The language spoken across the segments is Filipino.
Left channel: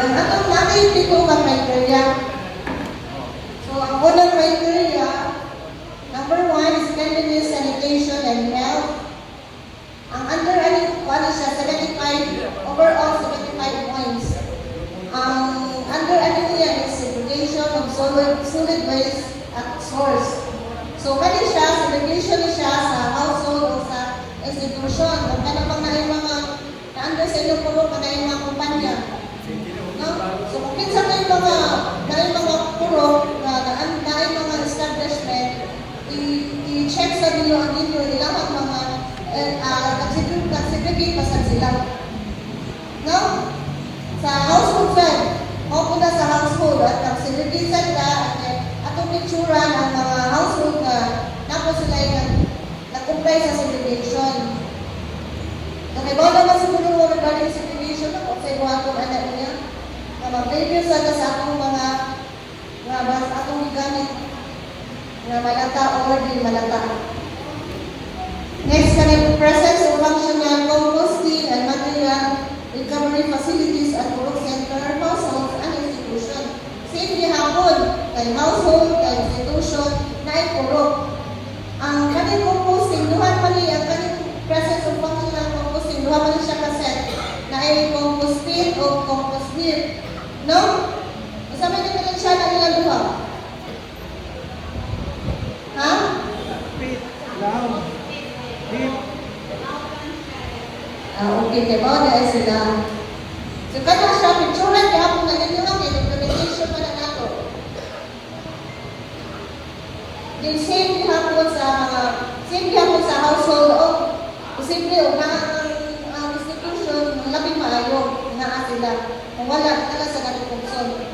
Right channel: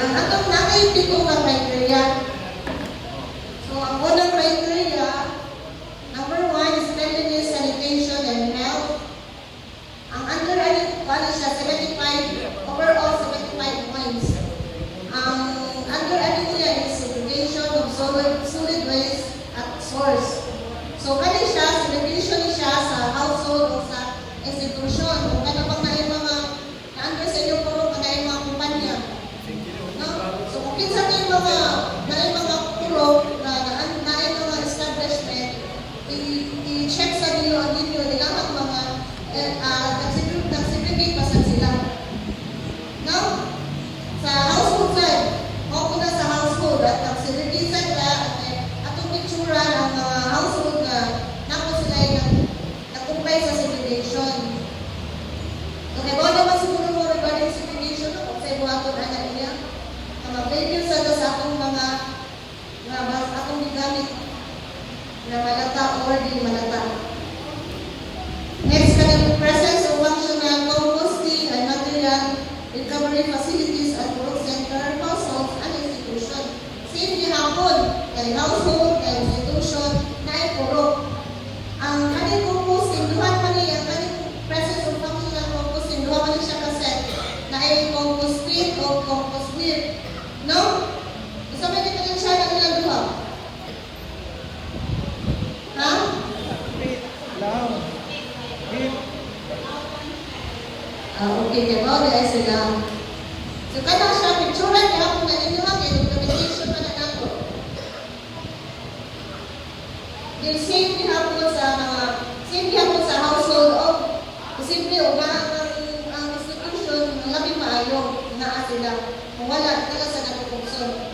Ang atong nakitiko ka criteria. So, ang unang criteria, number 1 is cleanliness, sanitation, and health. Ang under ano siya, 75, overall 75 points. Ang under ano niya is segregation of solid waste at source. So, kani siya, segregation siya sa household o sa institution. Ang kanapang na yung mga na-under sa inyo puro ka na yung mga kumpanya. No? So, kung kinsa na yung mga puro na yung mga establishment, i-check sa ninyo nilang mga nag-segregate pa sila. No? Sa household side, o na sa household at nag-segregate sila at atong pictura ng mga household na napo sila yung nag-comply sa segregation. Okay, bawa naman siguro mo regarding segregation, okay, buha ko na niya. Mag-review sa akong mga atong gamit na malata or di malata. Next, the presence of functional composting and material recovery facilities at work center, households, and institution. Same hapon, kay household, kay institution, na ipuro. Ang kanyang composting, duhan pa niya, ang kanyang presence of functional composting, duhan pa niya siya kaset na ay compost pit o compost bin. No? Isa may dito siya na nilang duha. Ha? Pit. Lang. Pit. Okay, kaya ba na sila. So, kaya siya, picturean kaya kung naninyo ang implementation pa na nato. Then, same gihapon sa household o simple o ang institution, labing maayo na sila. Kung wala, tala sa natutugson.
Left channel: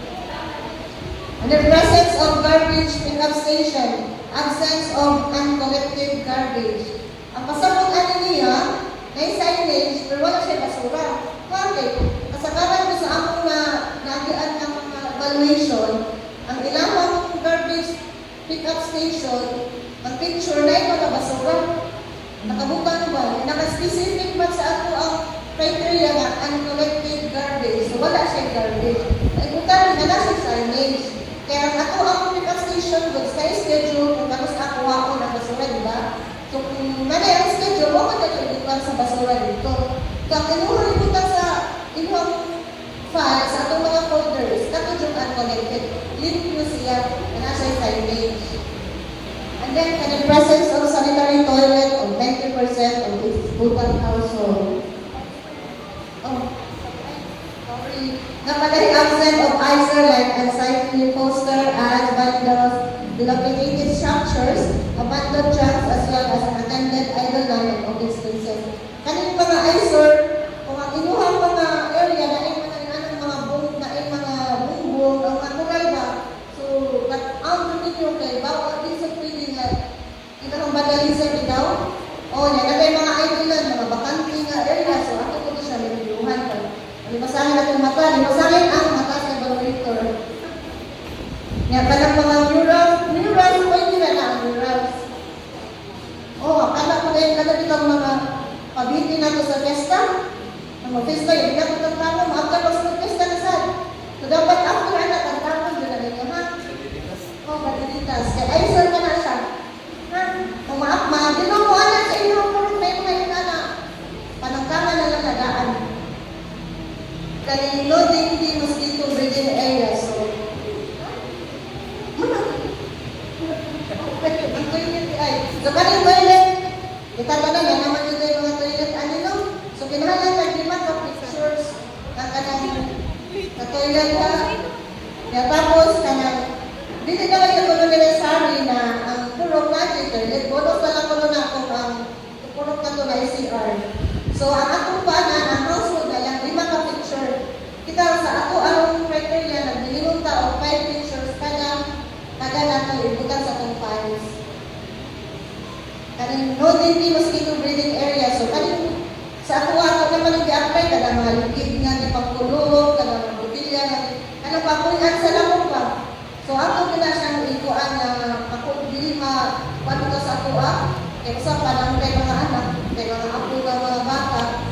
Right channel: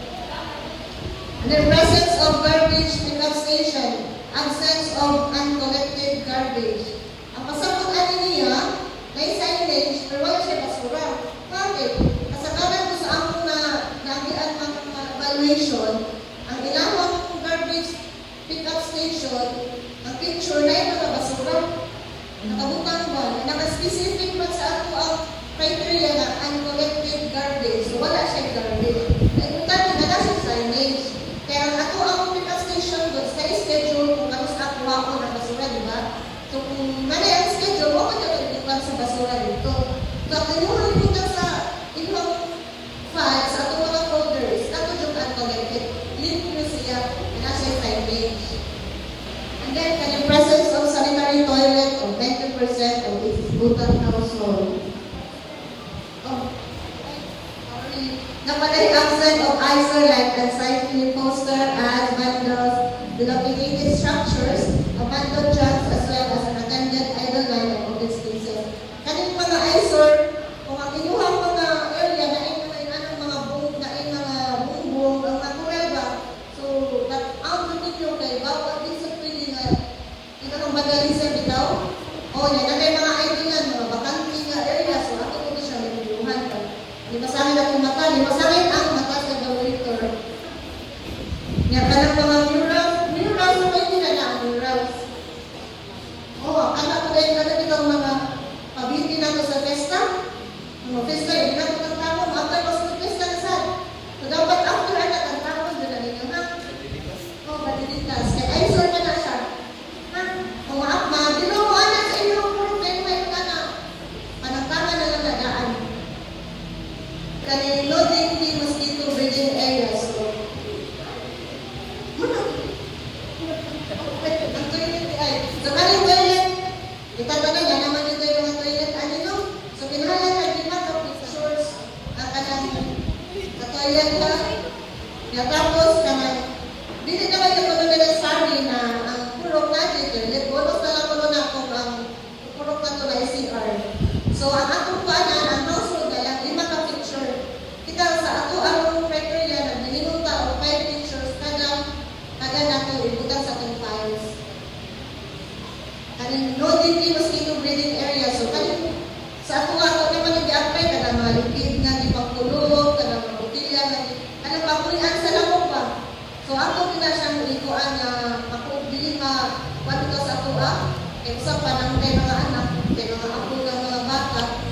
And the presence of garbage pickup station, absence of uncollected garbage. Ang pasabot ano niya, may signage, pero wala siya basura. Bakit? Kasagaran ko sa among nagian ng evaluation, ang ilang garbage pick-up station, ang picture na ito na basura. Nakabutang ba? Naka-specific pa sa ato ang criteria na uncollected garbage. So, wala siya garbage. Ay, kung tayo na nasa signage. Kaya ato ang pick-up station doon sa schedule, kung ano sa ako ako na basura, di ba? So, kung nanay ang schedule, huwag ka na sa basura dito. So, ang inuhang ipunta sa inuhang files, sa atong mga folders, katong yung uncollected, link nyo siya na nasa signage. And then, the presence of sanitary toilet of 90% of its total household. Oh, sorry. Napatay absent of isolate and safety poster as bundles, dilapidated structures, abandoned junks, as well as an attended idle line of open spaces. Kaning mga eyesore, kung ang inuhang mga area na ay mga bumbong, ang natural ba, so, out ninyo kay bawat din sa pwede na ang vandalism bitaw, o yan, na mga idle mga bakante nga area, so ato ko siya niluluhan pa. Limasahin natin mata, limasahin ang mata sa director. Nga pa ng mga murals, pwede na lang murals. Anak ko dahil kada itong mga pabiti nato sa fiesta. Ang fiesta yun, hindi nato tagtamo, maagta ko sa fiesta na saan. So dapat after anak, tagtamo, yun na ninyo, ha? Badilitas. Kaya ay sir ka na siya. Ha? Kung maagilo mo anak sa inyo, kung may anak, panagkanan na lang nadaan. Kaya loading the mosquito breeding area. So, ang toilet ay, so kanang toilet, itatanong na naman dito yung mga toilet, ano no? So, kinuhanan ka, di ba, pictures, ang kanang toilet ka. Kaya tapos, kanang, dito naman yung kulo nila sorry na ang purok na dito, bonus na lang kulo na kung ang purok na ito na CR. So, ang atong paanan, ang household na yan, 5 ka picture. Kita sa ato ang criteria na minimum ta o 5 pictures kada nato ibutan sa atong files. Kaning no DP mosquito breeding area. So, kaning sa ato naman nag-apply kada mga lukid nga di pangtulog, kada mga butilya nga ano pa kulihan sa lamok pa. So, ato gina siyang ikuan na dili ka sa ato kaya sa panang kay mga anak, kay mga apo ng mga bata.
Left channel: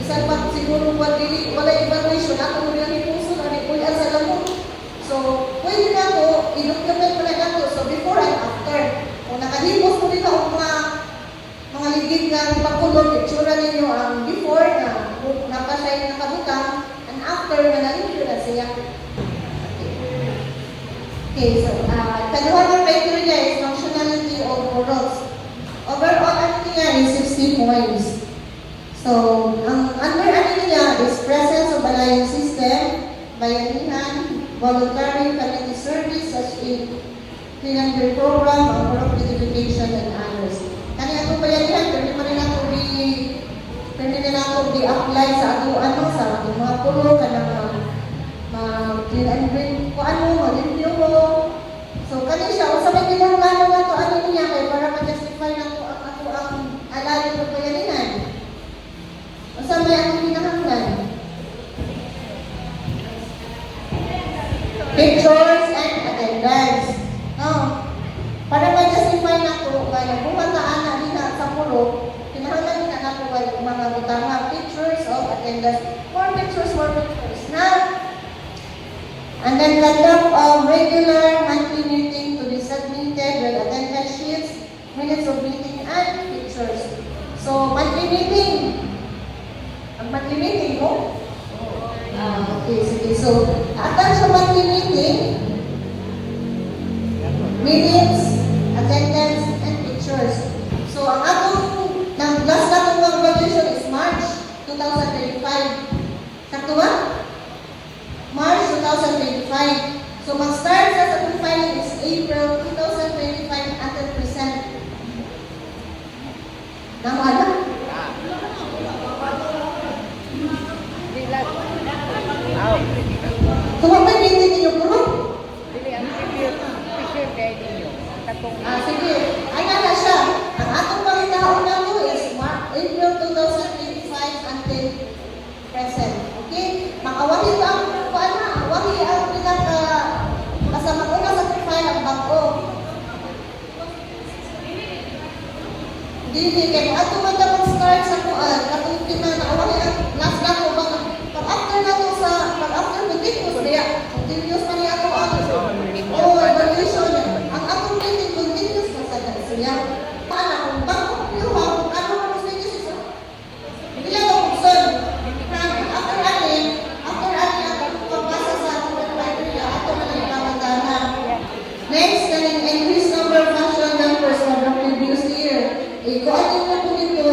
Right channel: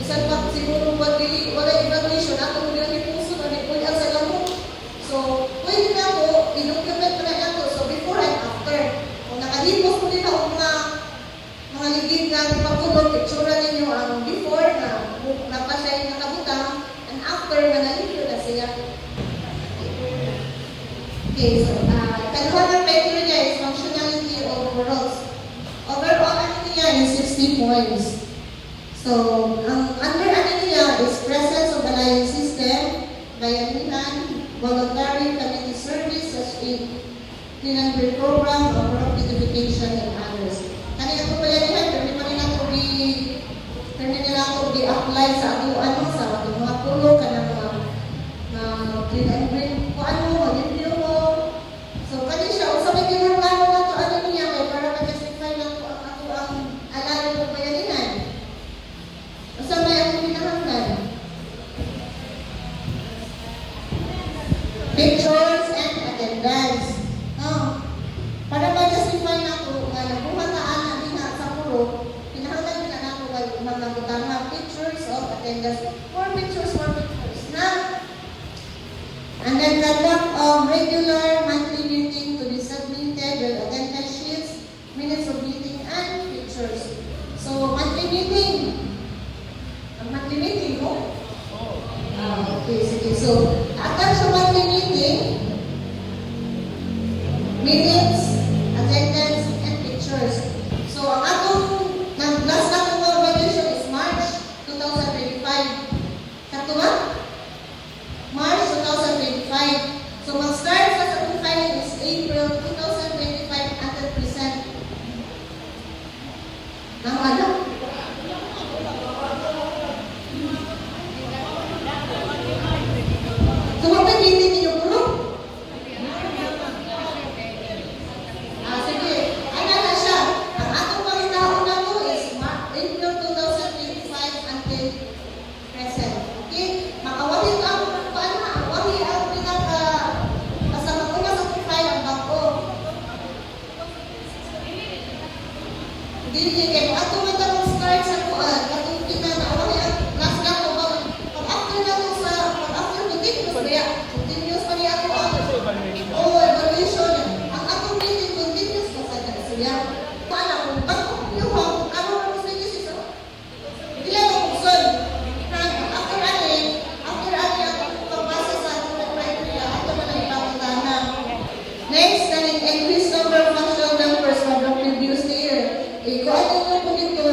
Isang pa siguro wala evaluation, ato mo yung puso na ninyo ang mga ligid nga pagkulot, itsura ninyo ang before na napasay nakabutang, and after na nalilyo na siya. Okay, so, kaduha ng criteria is functionality of rods. Overall, ano niya is 60 points. So, ang under ano niya is presence of alliance system, bayanihan, voluntary community service, such as clean program, or identification and others. Kani ako bayanihan, pwede pa rin ako di-apply sa ato, sa ato mga pulo, kanang clean and green, kung ano, malimpyo ko. So, kani siya, kung sa may kinahanglan mo ito, ano niya, kaya para ma-justify na ito ako ang alalim ng bayanihan. Kung sa may ang kinahanglan. Pictures and attendance. Para ma-justify na ito, kaya bumataan na din sa pulo, kinahanglan na nato mga utama, pictures of attendance. More pictures na. And then conduct regular monthly meeting to be submitted with attendance sheets, minutes of meeting, and pictures. So, monthly meeting. Ang monthly meeting mo? Okay, sige. So, attach sa monthly meeting, minutes, attendance, and pictures. So, ang atong, last atong graduation is March 2025. Sakto ba? March 2025. So, mag-start sa atong filing is April 2025 until present. Tama na? Kung ako hindi ninyo po? Sige. Ano na siya? Ang atong pangitaon na to is April 2025 until present. Okay? Makawahi ka ang wahi ang pinaka basta mag-una sa profile ang bago. Hindi kayo ato man dapat start sa kuan katong tinanawahi ang last na ko ba pag-after na to sa pag-after continuous niya continuous na niya ako evaluation ang atong meeting continuous na sa siya para kung bago yung ano ang message ito hindi lang ang son after ali ang pagbasa sa atong criteria ato na nagpapagana next na rin increase number of functional members from the previous year. Kung ano yung po dito,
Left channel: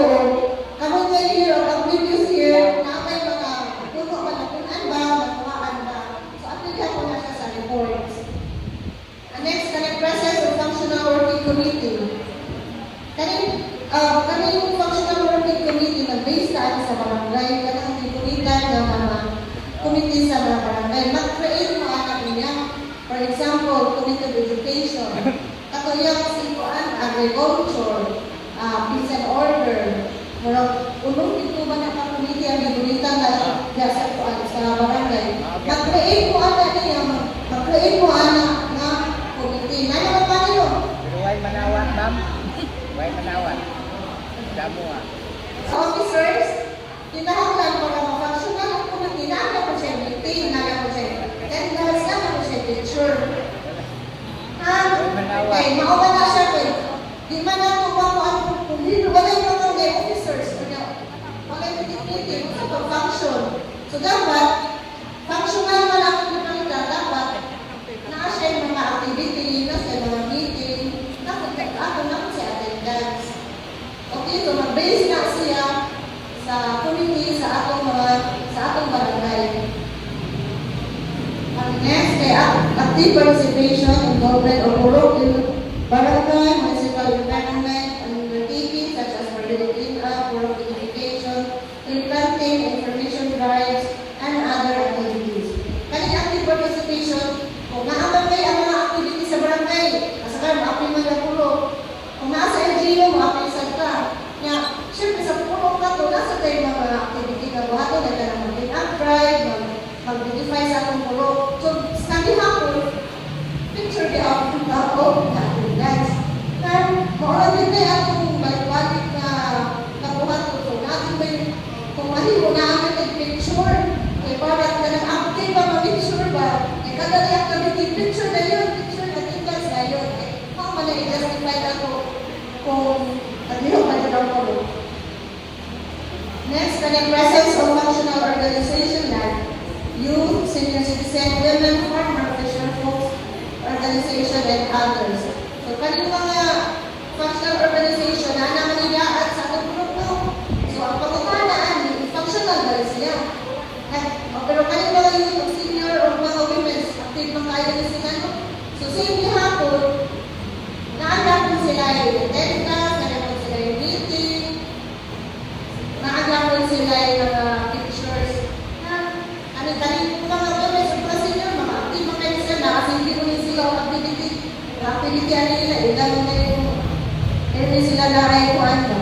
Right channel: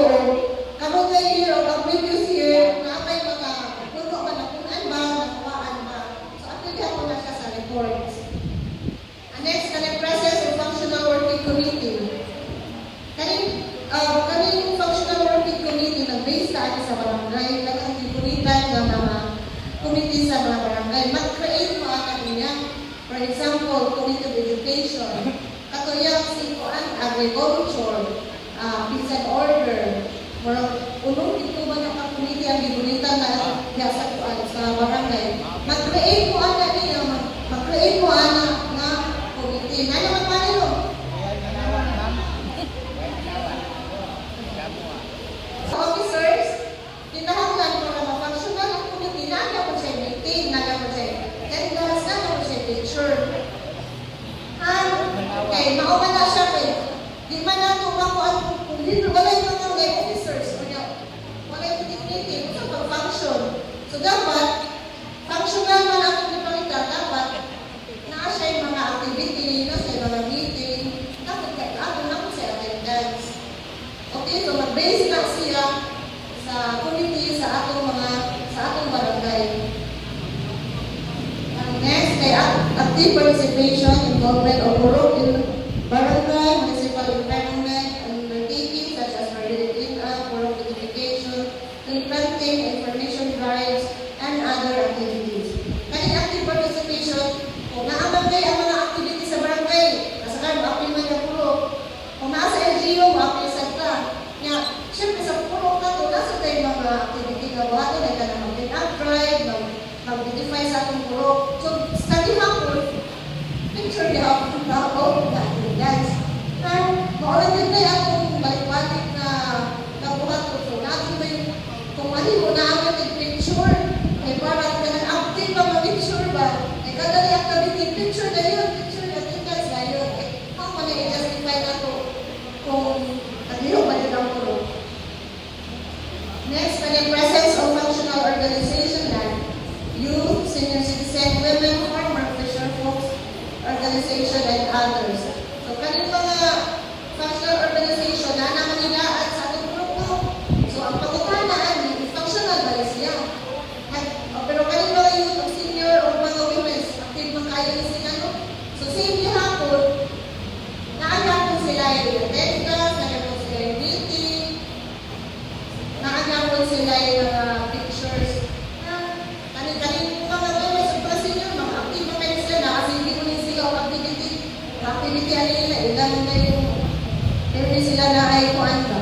kapag na year o ang previous year, na may mga puno ba, nakunan ba, nakuhaan ba. So, applikan ko na siya sa reports. And next, process of functional working committee. Kaning functional working committee, nag-base tayo sa barangay, kanang titulitan ng mga committee sa mga barangay. Mag-create mo anak niya. For example, committee of education. Katuyang sikuan, agriculture, peace and order. Murang ulong dito ba na committee ang gibunita na sa barangay. Mag-create mo anak niya, mag-create mo anak nga committee. Ano naman pa rin? Buhay manawan, ma'am. Buhay manawan. Damo Sa officers, kinahanglan para ma-functional ang committee, naaga po siya meeting, naaga po siya. Then, garas na po siya picture. Okay, mauwa na siya ko. Di man na ito kung hindi wala yung mga officers. Wala yung meeting sa pag-function. So, dapat, functional man ang pagpapalita, dapat naa siya yung mga activity, na siya mga meeting, dapat ako na po siya attendance. Okay, so mag-base na siya sa committee, sa atong barangay. Next, active participation, involvement of work in barangay, municipal environment, undertaking such as organic cleanup, work identification, implanting, information drives, and other activities. Kaning active participation, kung naaman kayo ang mga activities sa barangay, kasakan, ma-apply mo yung pulo. Kung nasa LGU, ma-apply sa ka. Siyempre sa pulo ka to, nasa kayo mga activity na buhato, na ka na mag-clean-up drive, mag-identify sa atong pulo. So, study hapon, picture di ako ng tao, dance. naglihok pa rin ang puro. Next, the presence of functional organization like youth, senior citizen, women, farmer, fisher folks, organization, and others. So, kaning mga functional organization na namanigaan sa atong grupo. So, ang pangutanaan, functional ba rin siya? Pero kaning mga youth, o senior, o mga women, active mga kayo ni sila, no? So, same hapon, naagapon sila yung telecast, naagapon sila yung meeting, naagapon sila yung pictures, na kanin mga women, sa senior, mga active mga kayo sila, kasi hindi mo rin sila ang activity ano nila, ilan na yung hindi sila na ay kuhan ba.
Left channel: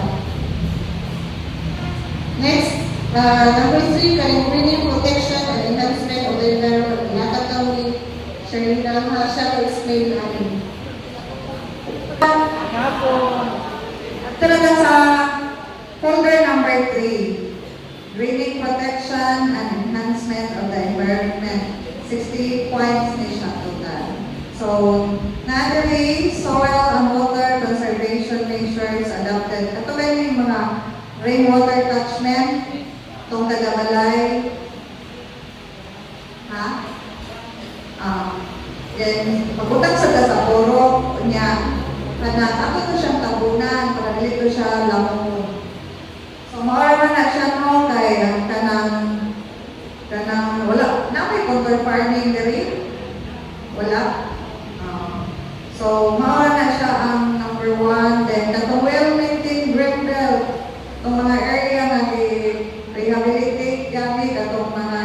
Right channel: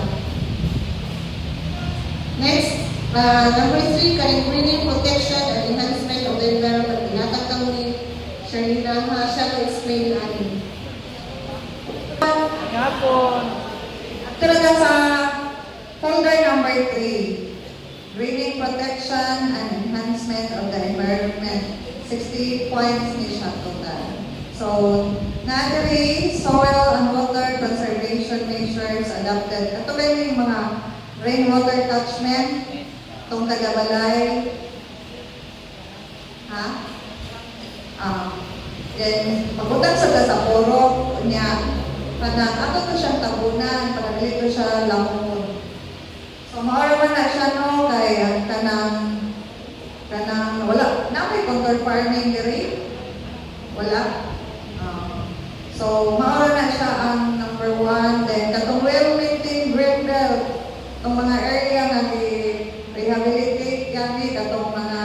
Next, number 3, bringing protection and enhancement of the environment. Ihatag kami ni Sharina siya to explain natin. Nga po. Talaga sa folder number 3, bringing protection and enhancement of the environment. 60 points ni siya total. So, naturally, soil and water conservation measures adopted. Katulad yung mga rainwater catchment, itong Tagabalay. Ha? Then, pagutang sa puro niya, takot ko siyang tabunan, para dito siya lamong. So, maura na siya no, kaya kanang, wala, na may contour farming diri? Wala. So, maura na siya ang number 1. Then, katong well-maintained green belt. Itong mga area na rehabilitate gamit, katong mga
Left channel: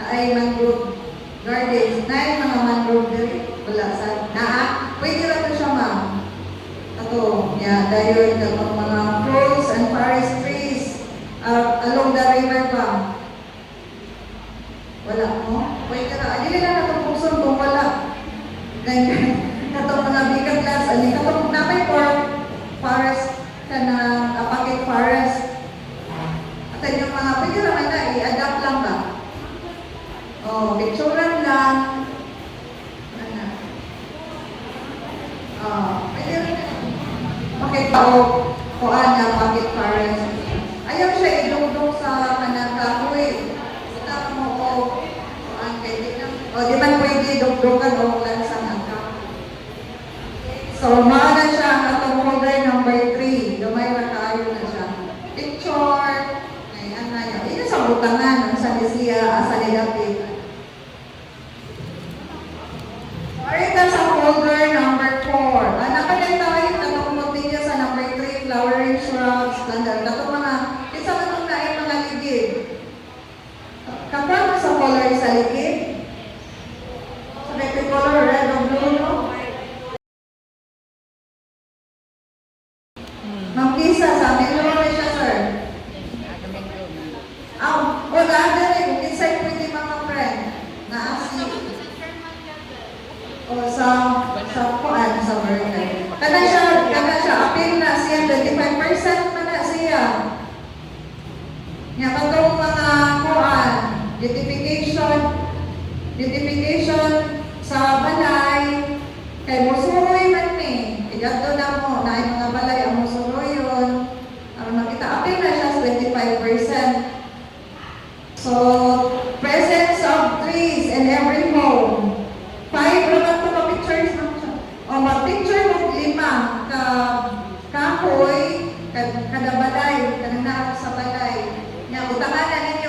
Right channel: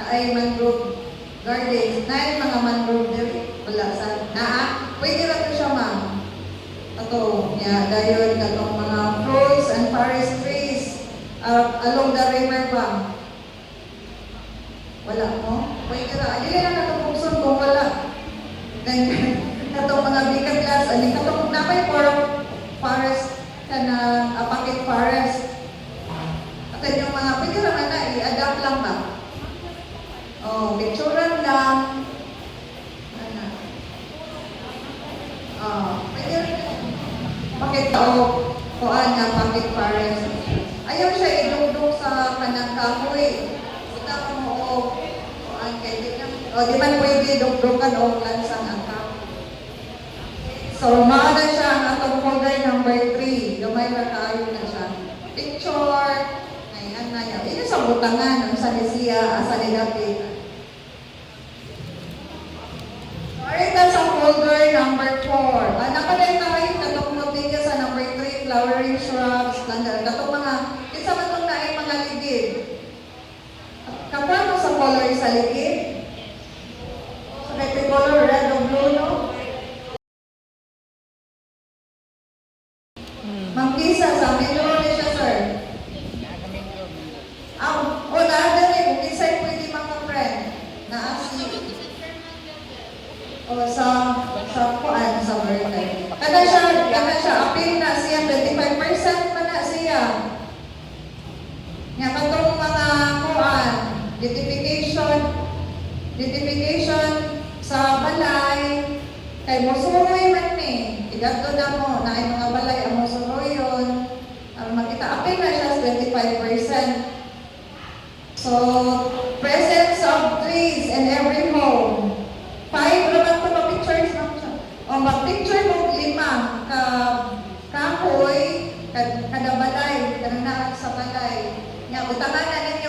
naay mangrove gardens, naay mga mangrove diri. Wala sa pwede lang ito siya, ma'am. Ito, dahil katong mga fruits and forest trees along the river bank. Wala mo? Pwede na. Dili lang itong pugson kung wala. Then, katong mga bigat gas, katong napay forest ka na apakit forest. At yung mga pwede naman na, i-adapt lang ba? Picturean lang. Pwede rin apakit kuhaan na apakit forest. Ayaw siya idudok sa kanang kahoy. Kita mo ko, kuhaan pwede na. Di na pwede dugdukan o lang sa mga. So, maaga siya ang atong folder number 3. Lumay na tayo na siya. Picture. Ayan na yun. Dito sa butangan, sa Lisia, sa Nilapit. Ito sa folder number 4. Nakalay tayo, nagpupunti niya sa number 3, flowering shrubs, standard. Ito mga, isa ka nung naay mga ligid. Kapag mo sa color sa ligid, ito color red or blue, no? Mangkisa sa meron na siya, sir. Wala na rin. Kung isa pwede mga friend. Na-asi. O sa kuan, sa birthday. Kada siya, appeal na siya, 25% na siya. Nga katong mga kuan, identification sa balay, kay musuroy man ni. Idagdo na mo, na yung mga balay, ang musuroy yun. Ang makita-apil na siya sa 25%. So, presence of trees in every home. 5, wala ko ma-pictures na siya. O, ma-picture mo 5, kahoy, kada balay, kada na sa balay. Nga, utangan na ninyo,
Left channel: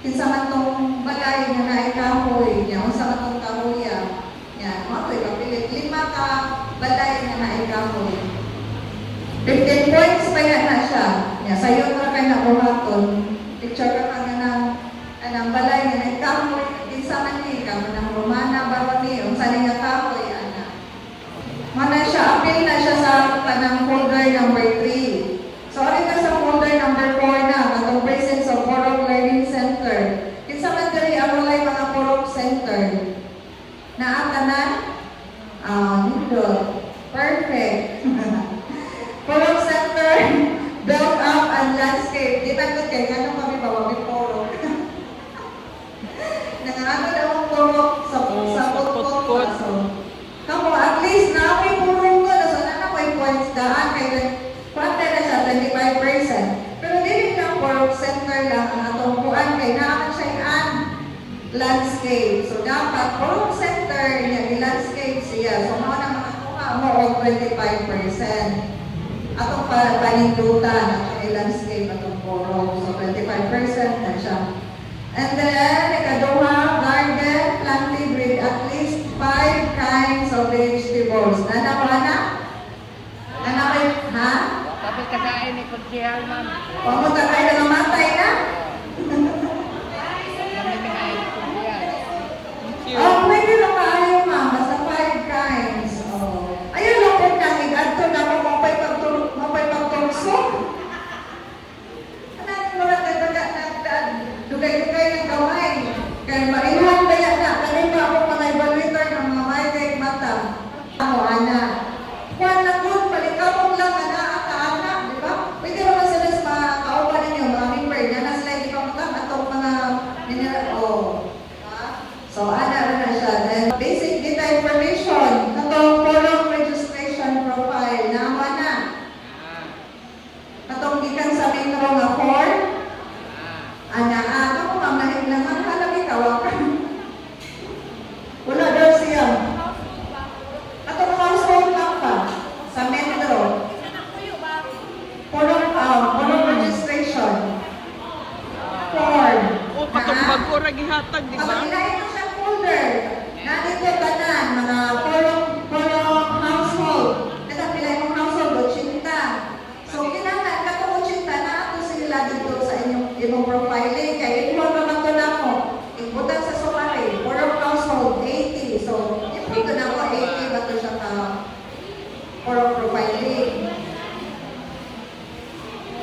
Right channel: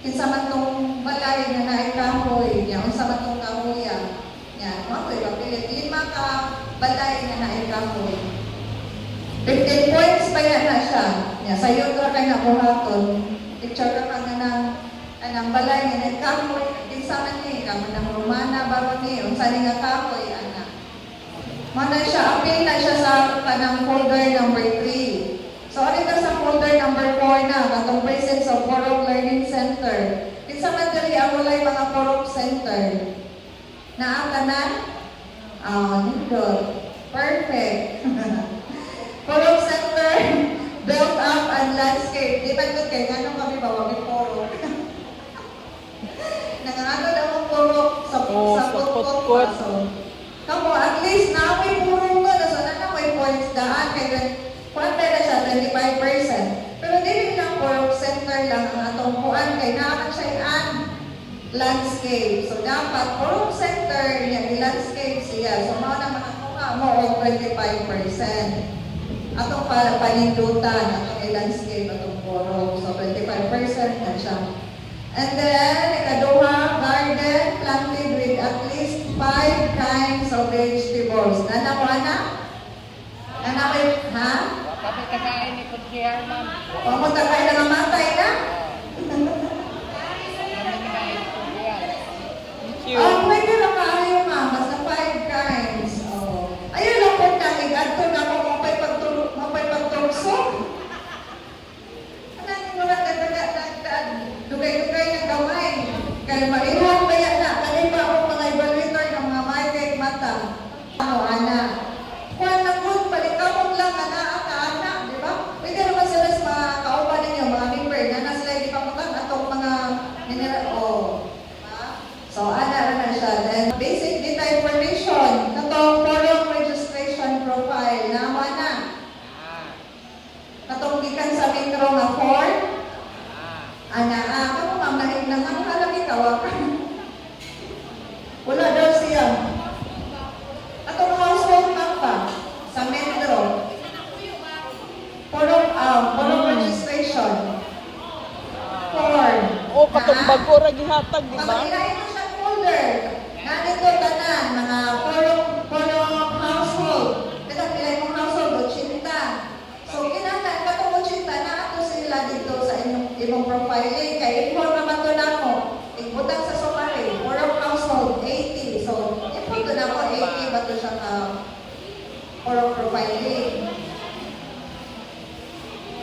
kinsa man tong balay na naikahoy. Nga, unsa man tong kahoyan. Yan, okay, papilit. 5 ka balay na naikahoy. 15 points pa yan na siya. Yan, sa'yo ko na kayo nakuhaton. Picture ka pa nga ng balay na naikahoy. Kinsa man ni, kamo ng Romana, bawa ni, unsa ni nga kahoy, ana. Mana siya, appeal na siya sa kanang folder number 3. So, ito sa folder number 4 na, katong presence of Porok Learning Center. Kinsa man diri ang walay mga Porok Center. Naata na? Perfect. Porok Center, built up and landscape. Di tagod kay ano kami bawa may porok. Nangano daw ang porok sa pot-pot. So, kamo, at least na may porok ko. So, na may points daan kay quarter na siya 25%. Pero dili lang for center lang ang atong kuan kay naa siya landscape. So dapat for center niya i-landscape siya. So mao na makakuha mo og 25%. Atong para panindutan atong i-landscape atong poro. So 25% na siya. And then, ikaduha, garden planted with at least 5 kinds of vegetables. Nanawana? Nanakit, ha? Tapi kagain ni Kunsihal, ma'am. Pamunta kayo na namatay na? Thank you. Oh, pwede na kayo, ma'am. Basta 5 kinds. Oh. Ayun lang po namin. Adto na mo mapay-pagturso. Ano mo lang dugay-dugay ng gaway. Kaya maihan ba yan na? Kaya ba ako mga evaluator ng mga may mata? Ano, anak? Kaya na good, palikapon lang na anak, di ba? Pwede naman sa mga kaupa ninyo, mga member, na sila hindi pa matang atong mga mineral. Oh. So, anak na siya. Then, basic data information. Natong follow registration profile. Naman na. Natong gikan sa metro nga form. Anak, ako mamahin naman. Hanap ikawakan. Wala daw siya. Atong household mapa sa metro. Follow registration. Form. Oh, patong bago ra gihatag, di ba? Ang ilahin mo siya folder. Nandito tanan, mga polong household. Kasi ang ilahin mong household, 80. So, kailangan, katong 80, na ako sila dito sa inyong profiling. Kaya inform naman to na ako. Ibutang sa sumari, polong household, 80. So, inform to na ako, 80 ba ito siya na polong profiling.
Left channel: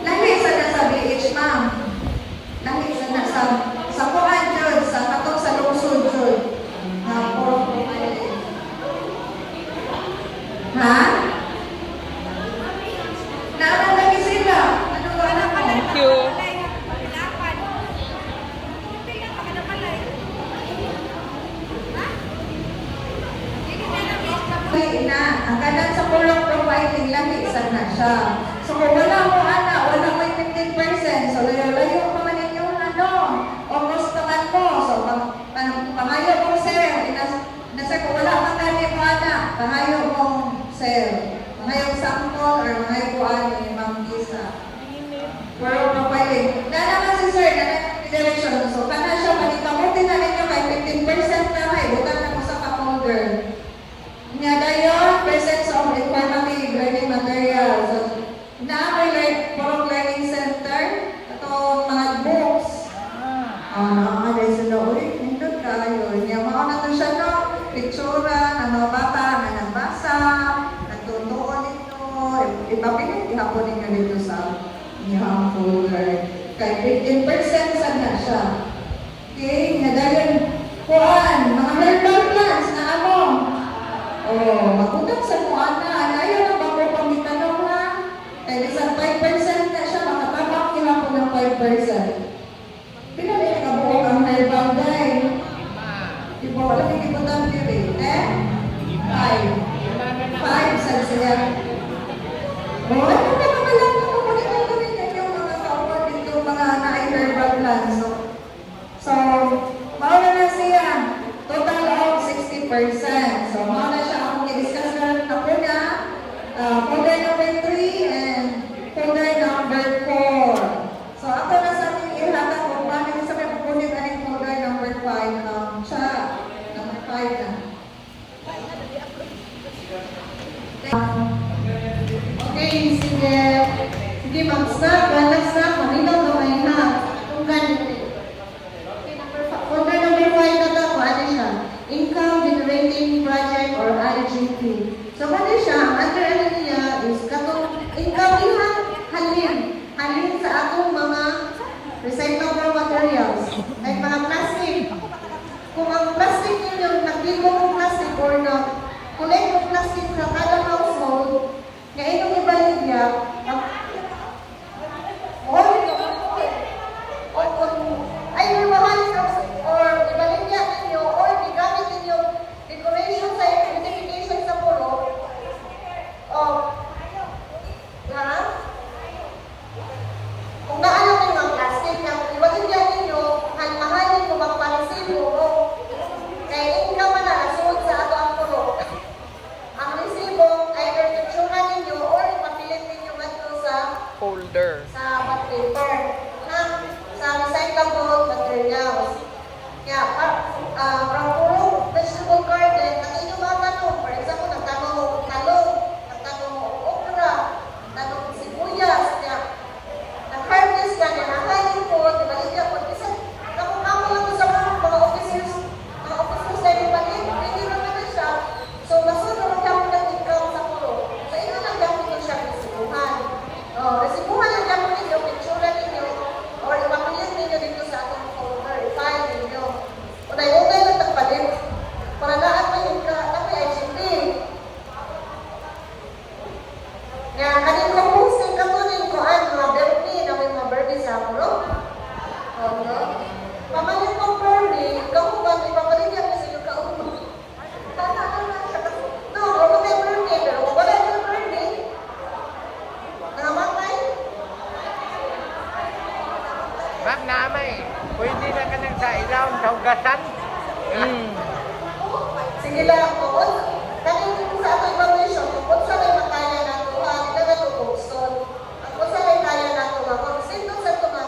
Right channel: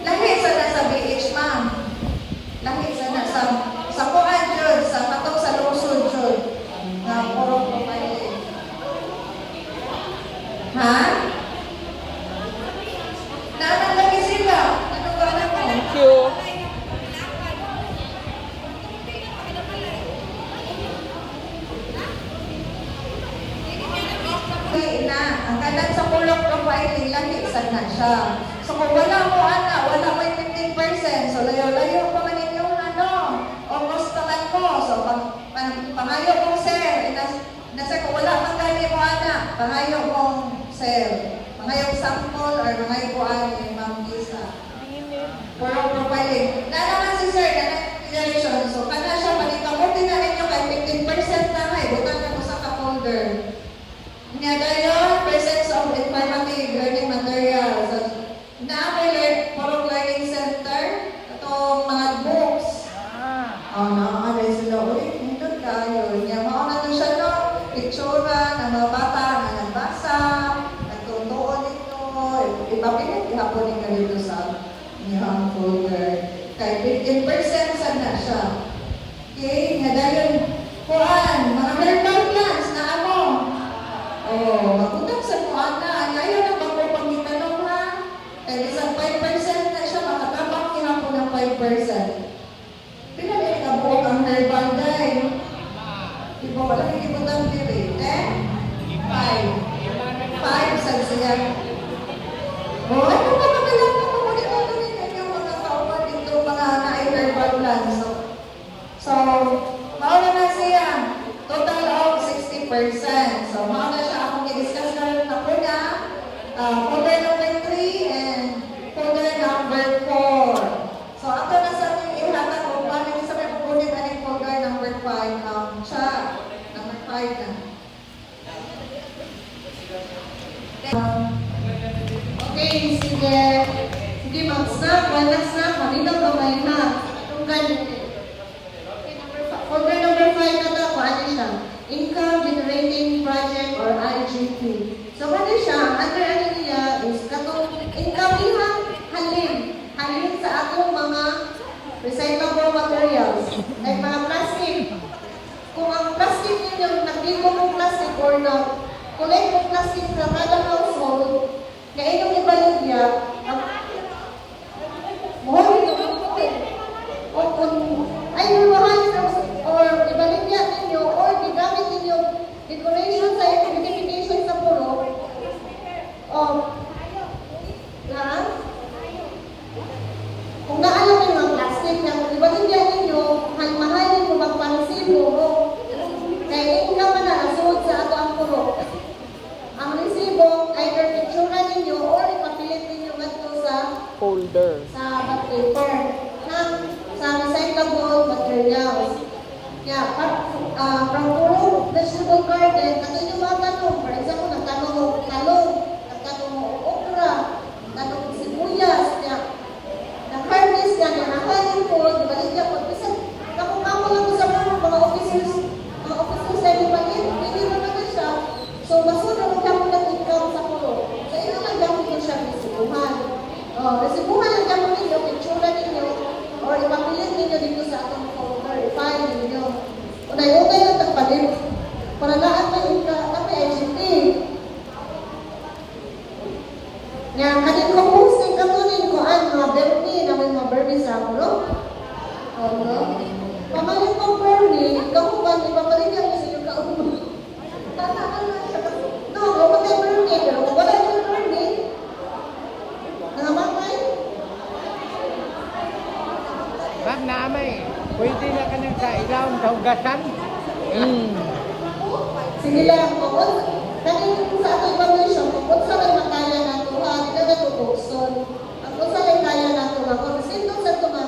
Lahi sa nasa BH, ma'am. Lahi sa nasa sa kuan jud sa katong sa lungsod jud na polong profiling. Ha? Naaman lagi sila. Ano ba na mo? Thank you. Na, ang ganda sa polong profiling lahi sa na siya. So kung wala mo ana, wala mo 15%. So layo-layo pa man inyong ano, o gustuhan mo. So pamayo mong sir. Nasa kung wala kang gani mo ana, pamayo mong sir. Pamayo sample or pamayo ko ano yung mga visa. Polong profiling. Na naman si sir, na direction. So kana siya, palitamutin na ninyo kay 15% na may. Buta na mo sa ka-folder. Nga dayon, presence of informative learning materials. Na-learn for learning center, itong mga books. Mga sila, uy, hindot tayo. Yung mga na siya no, pictura ng mga bata na nagbasa, natutuon ito. Ipapinig ka dito sa niyang folder. Kaya 15% saan na siya. Okay, nga dayon, kuhaan, mga herbal plants na ano. Oh, magutang sa kuhaan na. Ayaw na ba ko pamitanong ha? Eh, isang 5% na siya, makatabak nila po ng 5%. Pinali ka buong ang herbal day. Iba wala may kibutan dito eh. 5. 5 sa siya. Oh, ano ba kamalang na mo? Dito ko rin yung mga kaupo dito, mga na-herbal plants. So, mauna na siya. Total of 60%. So, mauna siya akong i-discuss na rin ako na folder number 3 and folder number 4. So, ako na sa ating ihatag kung paano yung sa pagkukunin na yung folder number 5. Siya, number 5 na. Okay, sige. Sige, mag-stop. Stop. Manitaw ba kayo na? Kung ganito. Folder number 5 na ito, ano siya? Income Generating Project or IGP. So, ano siya? Under ano niya is katong income ilang halin. Halin sa atong mga recyclable materials. Ay mga plastic. Kung ang plastic ninyo, nagbigo ng plastic or na kulay ng plastic na kada household, kaya itong ibalid niya, ay mahal or ibalik niya ninyo or gigamit ninyo decoration sa identification sa puno. powder. sa hot paper na sa recyclable materials. Yeah, puro vegetable garden, kasi yung mga tanong, for example, nagtanong talong, nagtanong okra, nagtanong sibuyas, yeah. Nag-harvest na, nakakalin ko, nagaligyan ko, kasi ako lang sa mga officers na rin maliit, hindi naman na siya, so masunod lang ako ng income sa puro. So, ito lang gamit ko siya ng sibuhan. Kasi buhan lang gamit ninyo, itsura ninyo, or ipapilin ninyo dito sa atong folder, file ninyo. Unay-unay lang tagpalit, para na-apply ka, IGP. Na kanina na posting ka to ninyo, mga birthday, na may mga birthday sa puro. Pamalit ng birthday, kamukan, ipapalit niya kasi yung kaulo. No, ako tayo birthday, pero kapalit ng birthday, nangamatay. Ma'am namay, pwede na ka nang sa ilaw sa hugasan? Sige lang po. Kanina po sa ating evaluation, kung sa lang makaya na ito, hindi na natutukson. Kung sa lang kaya na ito, kung sino sa ito na,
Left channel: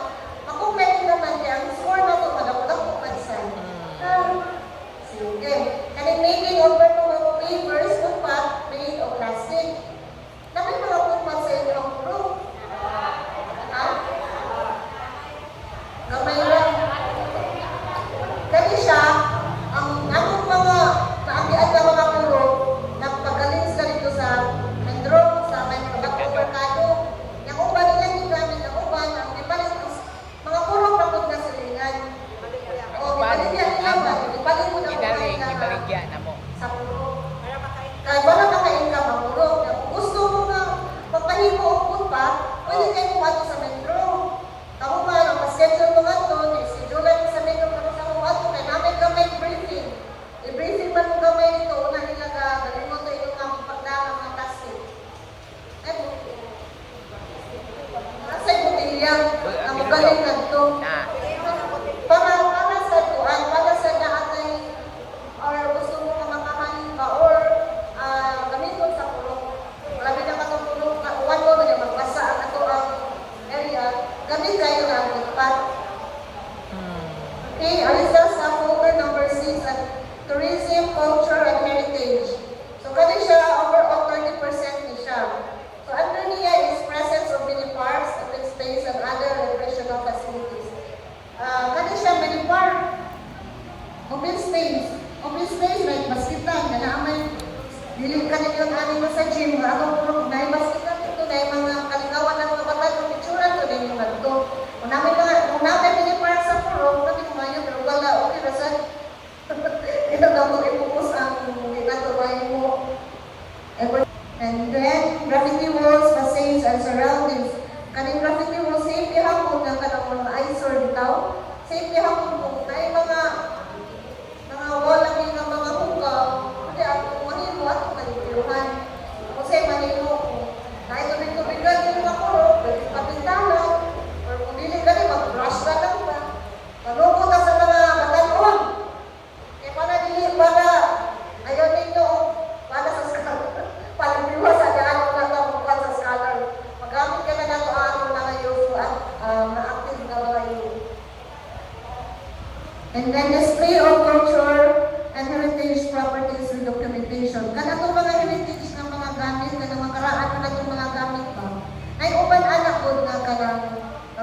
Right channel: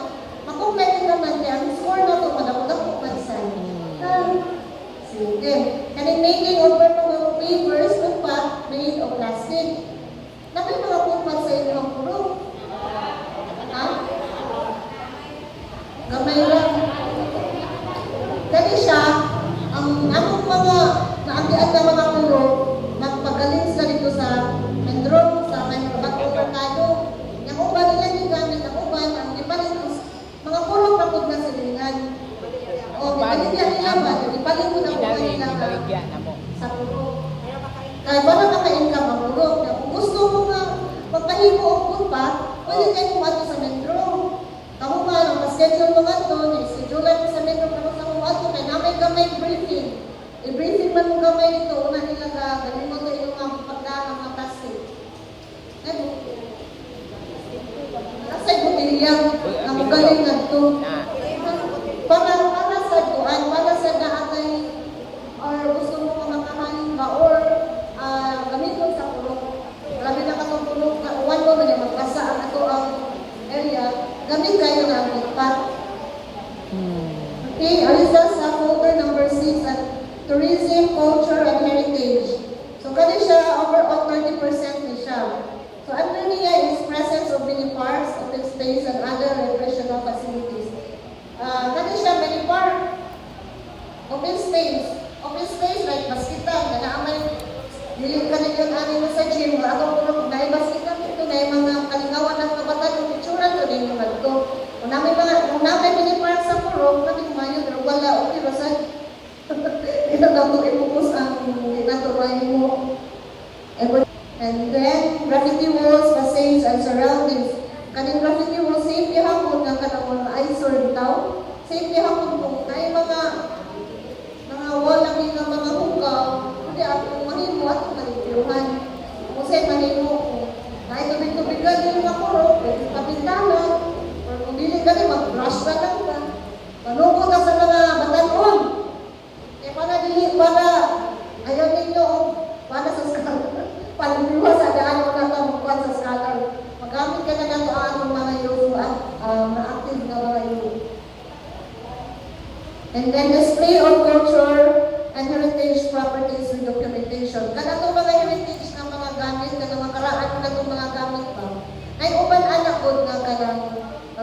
ako pwede naman yan, score na ito, ako pansan. Sige. Kanina meaning of the papers ng pa, may ito plastic. Nakita ako pa sa inyong group. Ha? Gamay lang. Kasi siya, ang anong mga naambilan na mga group na pagaling sa dito sa Mindro, sa Pagkakulorkado, yung uba nila yung gamit, yung uba, ang ipalit mo, mga puro kapag na silingan. O, ipalit niya ang yaman, ipalit mo na Idaling, na ibaligyan na mo. sa puro. Kaya baka maka-income ang puro. Kung gusto mo na magpalit mo ang puro pa, pwede kayo pumato sa Mindro. Kamu nga, ang pa-schedule mo nga ito, schedule mo sa Mindro kung sa mga ito, kaya namin kami briefing. I-briefing man mo kami nito, una nila na galing mo ito yung mga pagdaan ng mga plastic. Ano? Kasi bumilya, ang galing na ito. Para sa duan, para sa daatay, or gusto mo ka makamalin ba, or gamiton sa pulok. Lagi na katulog na uwan mo, ganun magbasa ang ito ang area. Gamit kayo na agad pa. Okay, result sa folder number 6 at tourism, culture, and heritage. So, kanya siya, overall 30% ni siya. So, under niya is presence of many parks, open space, and other recreational facilities. Kanya siya, many park, open space. Open space like basketball, na naamay, yung kanina yung ano sa gym, na atong puro, na yung basketball, na yung mga kalingawan ng mga bata, yung picture, na yung nagto. Namin many parks sa puro, kami mga yun, pero wala, okay, nasa, hindi na bago ipupos ang itatuwain mo. And then, graffiti walls, facades, and surroundings. Kaning graffiti walls, safety hapon ng kanang eyesore daw. Safety hapon po. Kaya mga wall ang mga buka, hindi ako maging mo at nagpiluhan. Kasi maging mo po. Ay, tubig-tubigan yung mga papindahan. Kung hindi ka rin, mag-brush ka na po. Malupo ka sa mga batanon. Kaya para dili, para ayaw ninyo, para sa scatter. Pag-iwa sa daan, huwag kang kamukuan sa scatter. Magamit ka na ng ano mga yun at ma-active na mga yun. And then display of culture and heritage properties and documentation. Kada ito mga heritage ng mga gamit, kada mga karaan na itong mga gamit mo, ay upan anak ko na kanang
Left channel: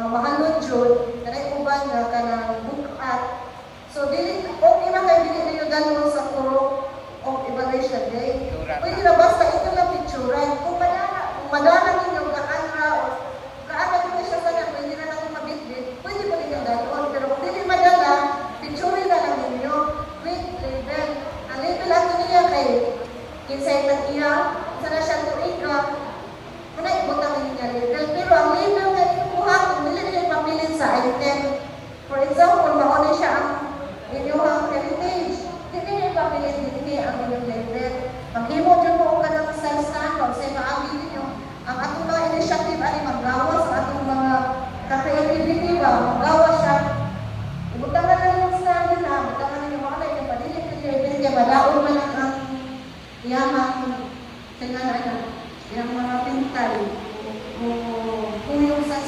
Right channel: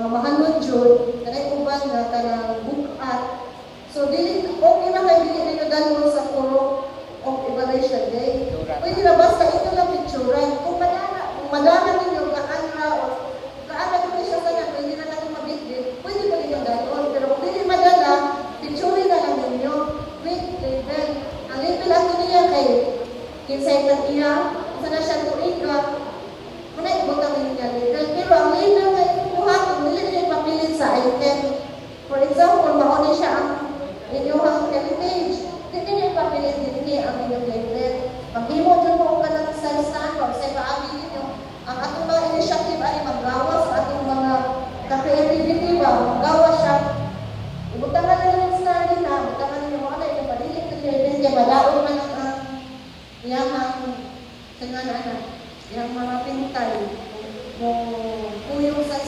mahal mo dyan, ay upan na kanang bukat. So, okay na nga, dili nyo gano'n sa tulong of evaluation day. Pwede na basta ito lang picturean. Kung manana ninyo, kaanra mo siya sana, pwede na natin mabitbit, pwede mo nila gano'n. Pero kung hindi madala, picturean na lang ninyo. With label. Ang label ang niya kayo. Kinsay na niya, isa na siya tumiga, nagbutan na niya label. Pero ang label na buhat, hindi nila papilit sa item. For example, mauna siya ang binuhang heritage. Hindi nila papilit hindi ang label. Ang imo din mo ka ng sensano, sa ibaagi nito, ang atong mga initiative ay maggawas sa atong mga creativity, maggawas siya. Bukan na lang yung star nila, bukan na yung mga kayo, padilit ko yung label, malao na lang ang iyamang mga pintay, kung yung sa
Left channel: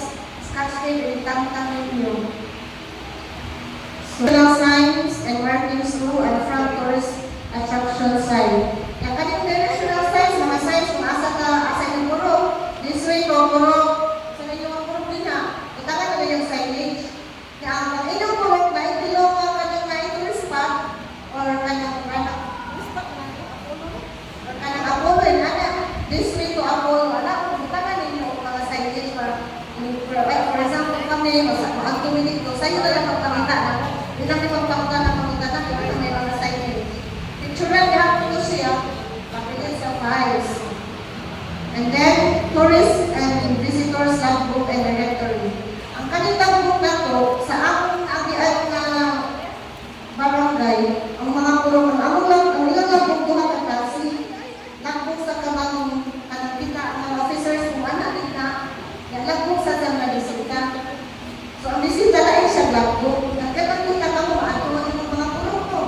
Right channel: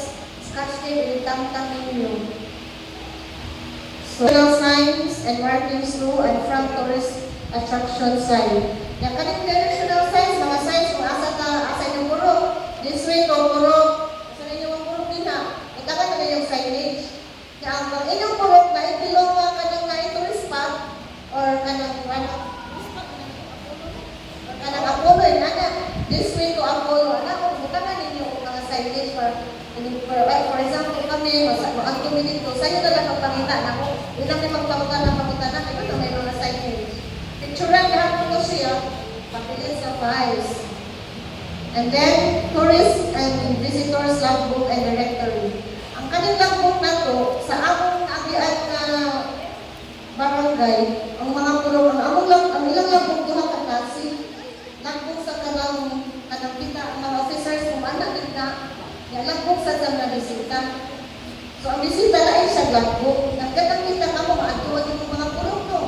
such day itangtang ninyo. Social signs and markings through and front tourist attraction sign. Yung kaning directional signs, mga signs, kung asa ka, asa yung puro, this way ko, puro, sa ninyo ang puro din ha. Itaga na yung signage. Kaya ang inyong puro, na itilaw ka kanang na tourist spot, or kanang Apollo, this way to Apollo, kung itaga ninyo ang mga signage, for example, kami, ang tumili ko, sa'yo na lang magpamita na, hindi namin magpamita na pamita na, ito may mga signage. Picture lang, lahat ko siya, mabilis sa price. And then, tourist and visitors logbook and directory. Ang kanilang logbook na to, sa among agian na barangay, ang mga pulong, ang ilang logbook duha ka kasi, logbook sa kanang kita ng officers kung ano kita, yung logbook sa kanang bisita. So, ang bisita na ay siya logbook. Nagkatang kita ka mo, maatulad yung mga pulong ko.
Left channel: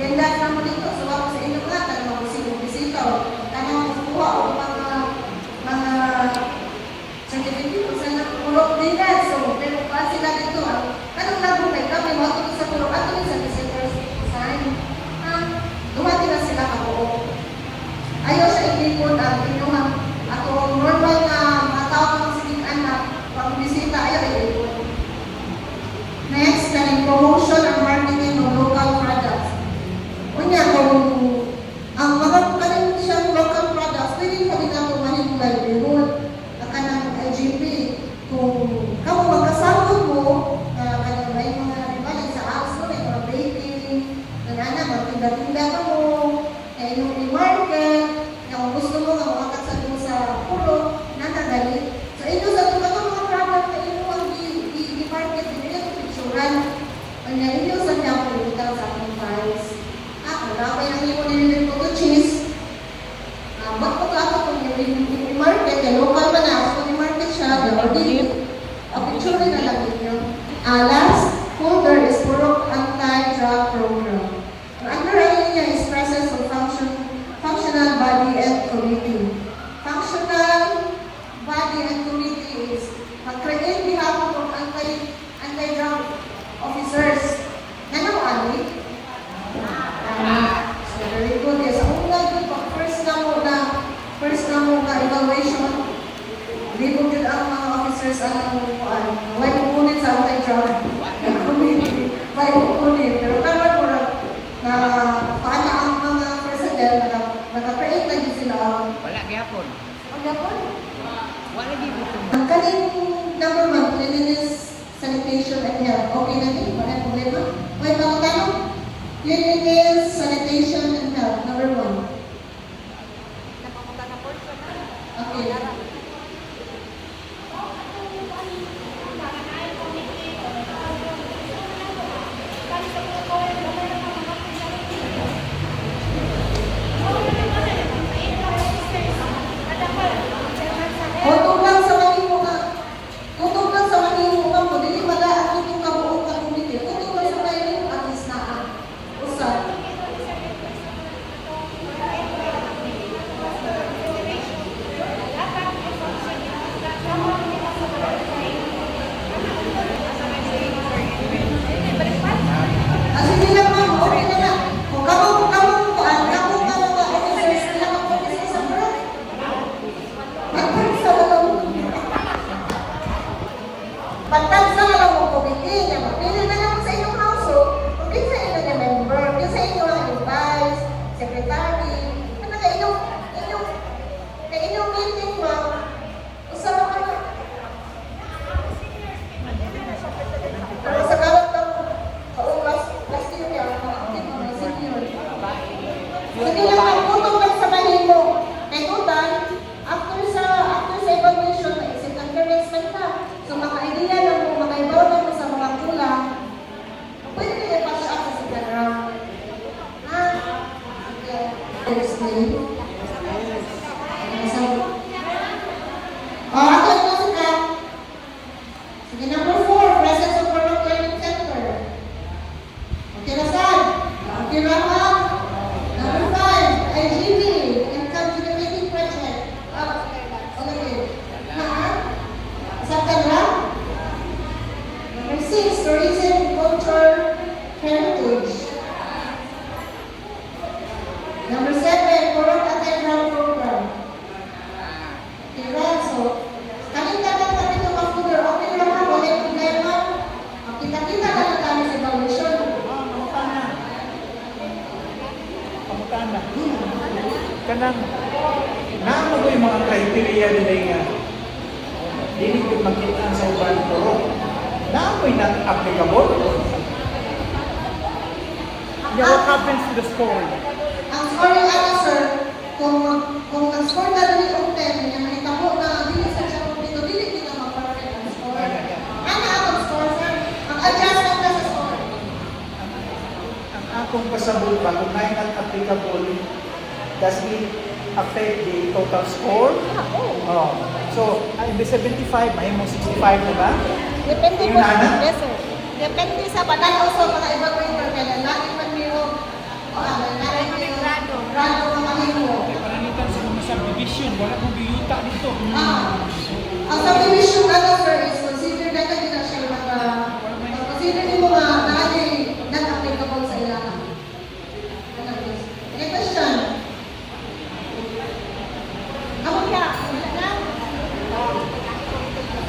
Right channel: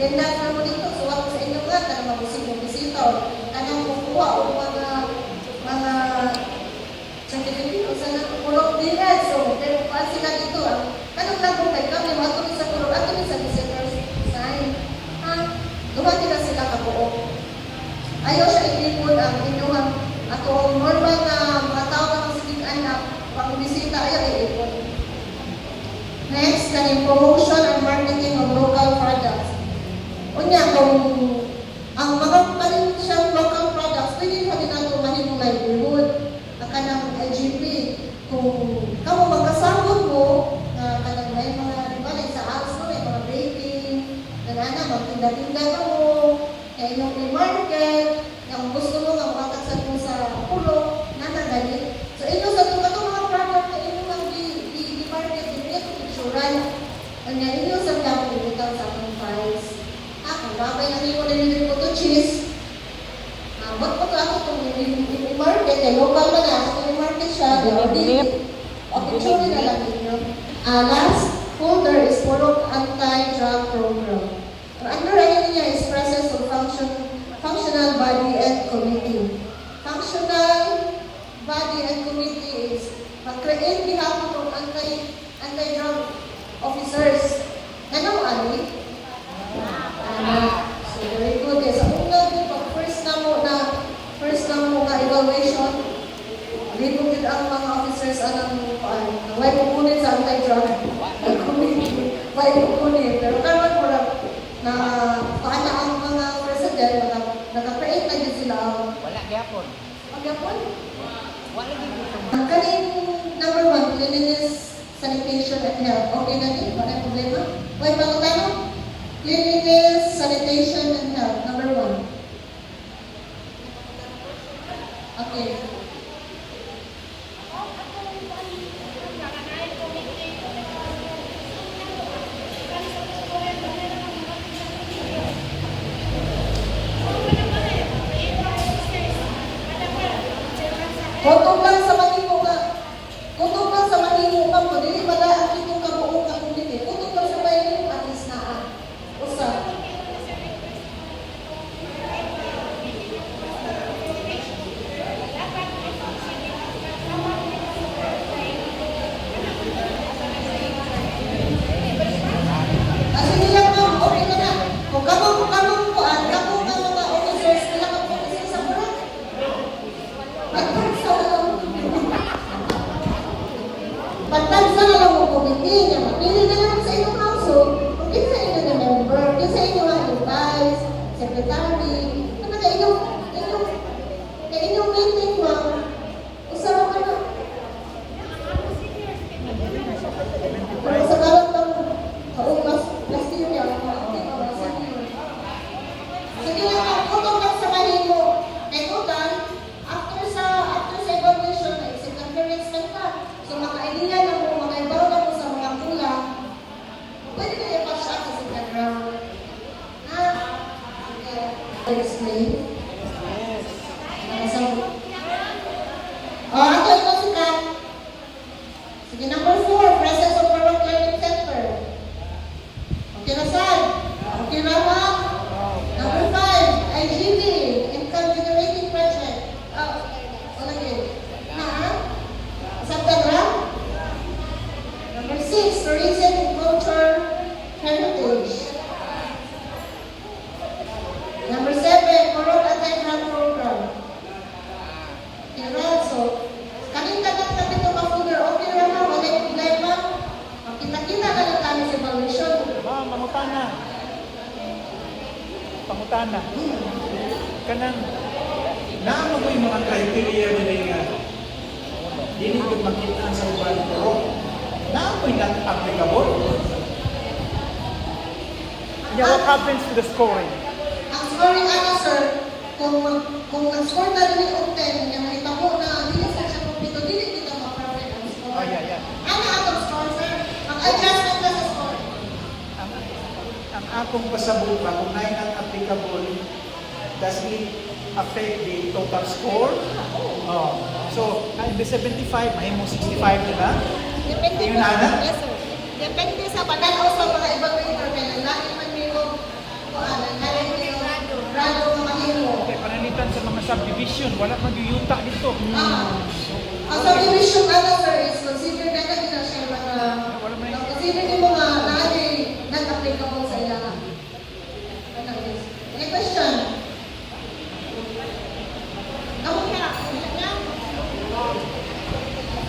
Then, lahat na mo dito, so ako sa inyo nga, kanang bisita, kanang kukuha o mga certificate o sa pulong din na. So, pero kasi ka dito, kanang logbook ay kami, matulad sa pulong, atulad sa visitors sign. Duha din sila kapuok. Ayaw siya i-report ang inuhan. Ato, normal na mga tao na masikitaan na pag-bisita, ayaw i-report. Next, kaning promotion and marketing of local products. Kunya, kung ang mga kanin siyang local products, pwede mo din nato mahimong livelihood. At kanang IGP, kung kamo magkasama mo, kanang may mga, di ba, sa aso, may mga baking, kanana, magtinda-tinda ka mo, kaya yung i-market, kung gusto mo nga makakasal mo sa pulo, nanadali. So, ito sa ito mga product na ito ang i-market, ito yung picturean. Ang ito sa mga pulutan sa ating price. Marami na may nililip ko to cheese. Magpagkako kung i-market, yung local man na, kung i-market siya, ang picture na lang ito. Last folder is puro anti-drug program. Ang underwriting niya is presence of functional body and committee. Functional body and committee is mag-train behalf of anti-drug officers. Ano, Ali? So, very good. Yes, ang una, first na mo na evaluation, hindi ko din ang mga officers ang why pupunit sa anti-drug committee. Why pupunit? Pero tama ko na paano ang mga president naka-create na din sila ang Wala gyapon. gapon. Wala gyapon. Ang kaning number 1, cleanliness, sanitation, and health. Okay na din, wala problema. Okay, pangutano? Cleanliness, sanitation, and health. Number 1. Okay. Kutog lang sa manimo ka mo, dili wala ang itong kabuong community. Kutog lang sa bayan mo, alis na. Usa. So, kanina lang na dito ka further, okay naman, wala yung problema. Kita-kita na lang tayo sa evaluation. Pangutanan. Kanang naamo mo yung mga criteria nila nga dili ko makita sa uban ko. Naamoy not applicable. Yeah, what happens to the scoring? Ang scoring ano, sir, kung ang score na rin yung 10, yung nakita mo na dili sa siya kompleto, dili din na ma-perfect ang score. Ano ang score, sir? Ang adjustment na sa score. Ang akong pasabot ba kung na not applicable, does it affect the total score? Oh. So, imbes 75, may mo 65, di ba? Depende Yung po. nana? Yes, sir. Depende sa banal o sa mga evaluator kailan natin man mayroong grado ang mahimo. Kaya pananitan sa mga subdivision, wala mag-yutak dito. Ang subdivision ano, sir, is consider na na siya consider din mga dati non-applicable sa ilang. Any question? Ako kaya, wala na.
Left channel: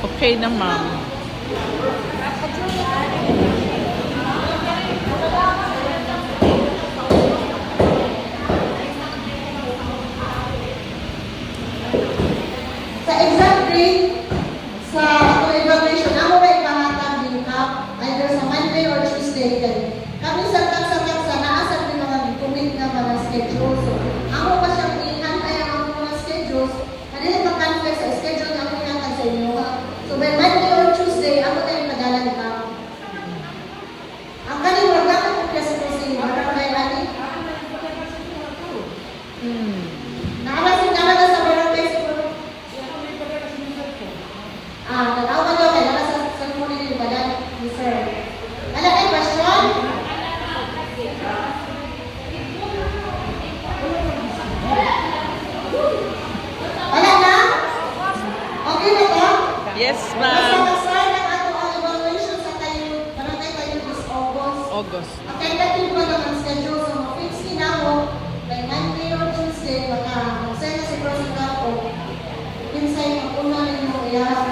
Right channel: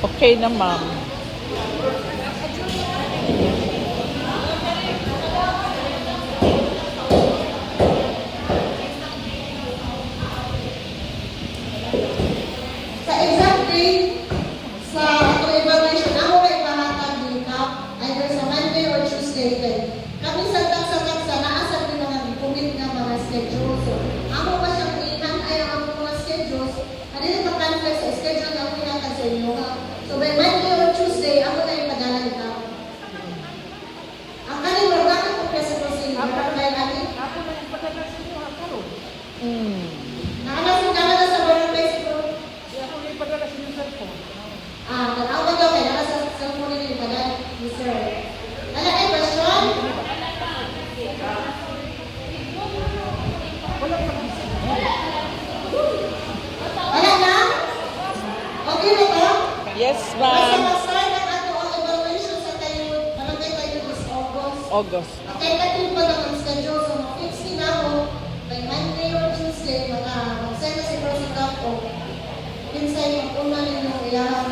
Okay naman. Sa exam day, sa evaluation, ako na ipahatag din up either sa Monday or Tuesday. Kami sa naasap din mga bitumit na mga schedule. So, ako pa siyang i-hand-ay ang mga schedules. Ano yung mag-conflict sa schedule na pinatag sa inyo. So, by Monday or Tuesday, ako na yung nagalang ito. Ang kanil, wag namin kung kasi ko si Barangay Rani. Nakamasin naman na sa Barangay siguro. Nag-awag daw kayo sa cellphone ni Badan, ni Sir. Ano ay question? Wala na? Okay na ba? Yes, Basta ma'am. mag-start ang ato ang evaluation sa tayo, barangay tayo is August. August. Ang tentative pa lang ang schedule, so ma-fix din ako by Monday or Tuesday, mag-send na si President ako. Pinsay, mag-una ninyo, iharap